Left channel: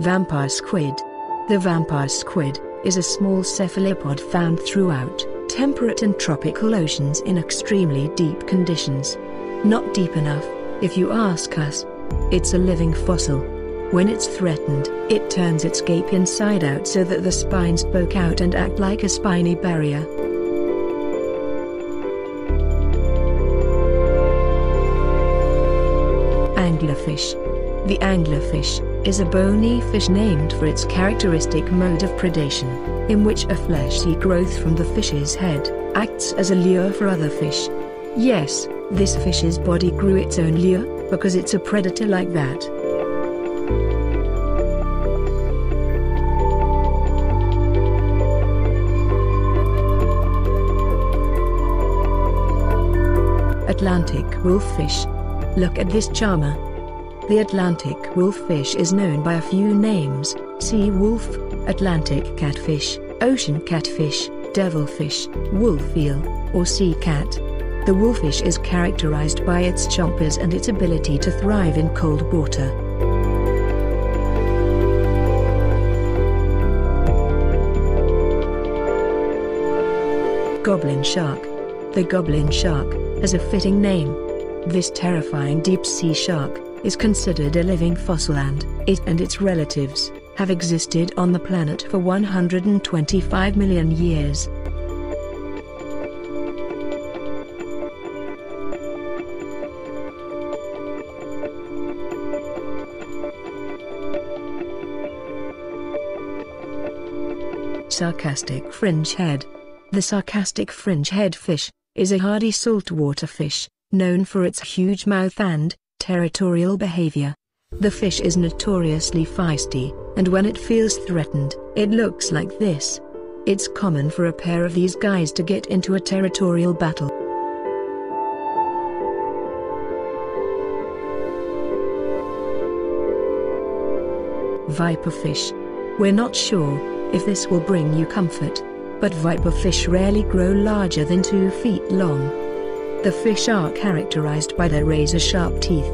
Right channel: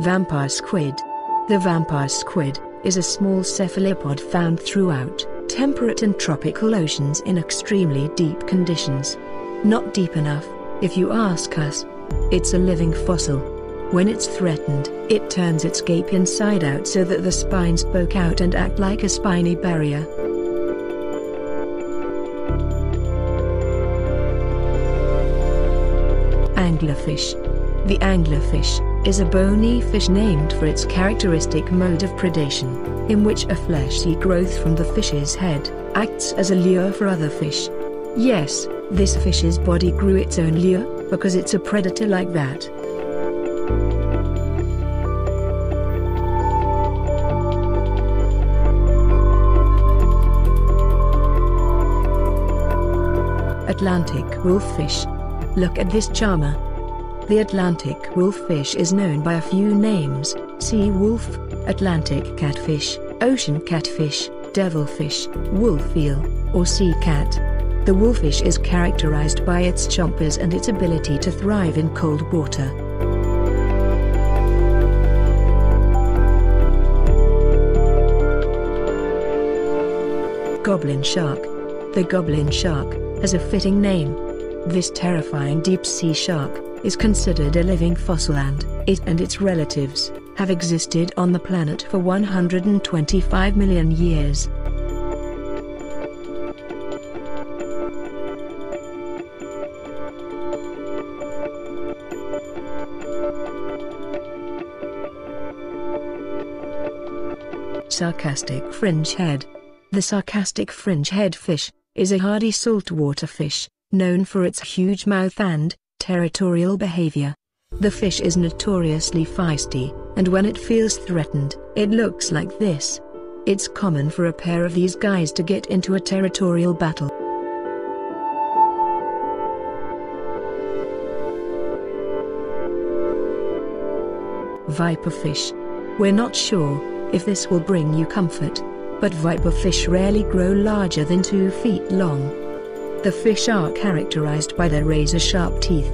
Vampire squid. The vampire squid is a small cephalopod found throughout temperate and tropical oceans in extremely deep conditions. Not deep enough, if you ask us. It's a living fossil. When it's threatened, it turns its gape inside out so that the spines poke out and act like a spiny barrier. Anglerfish. The anglerfish is a bony fish named for its characteristic mode of predation, in which a fleshy growth from the fish's head acts as a lure for other fish. Yes, this fish's body grew its own lure, because it's a predator like that. Atlantic wolffish. Look at this charmer. The Atlantic wolffish is known by a few names: sea wolf, Atlantic catfish, ocean catfish, devilfish, wolf eel, or sea cat. The wolffish is characterized by its chompers and its ability to thrive in cold water. Goblin shark. The goblin shark has a fitting name. This terrifying deep-sea shark is considered a living fossil, and it and its relatives have existed on the planet for 125 million years. Sarcastic fringehead. The sarcastic fringehead fish is a hardy saltwater fish, known for its huge mouth and territorial behavior. The fish is notoriously feisty, and when it feels threatened, it looks like this. It's common for a pair of these guys to get into a territorial battle. Viperfish. We're not sure if this will bring you comfort, but viperfish rarely grow larger than 2 feet long. The fish are characterized by their razor-sharp teeth,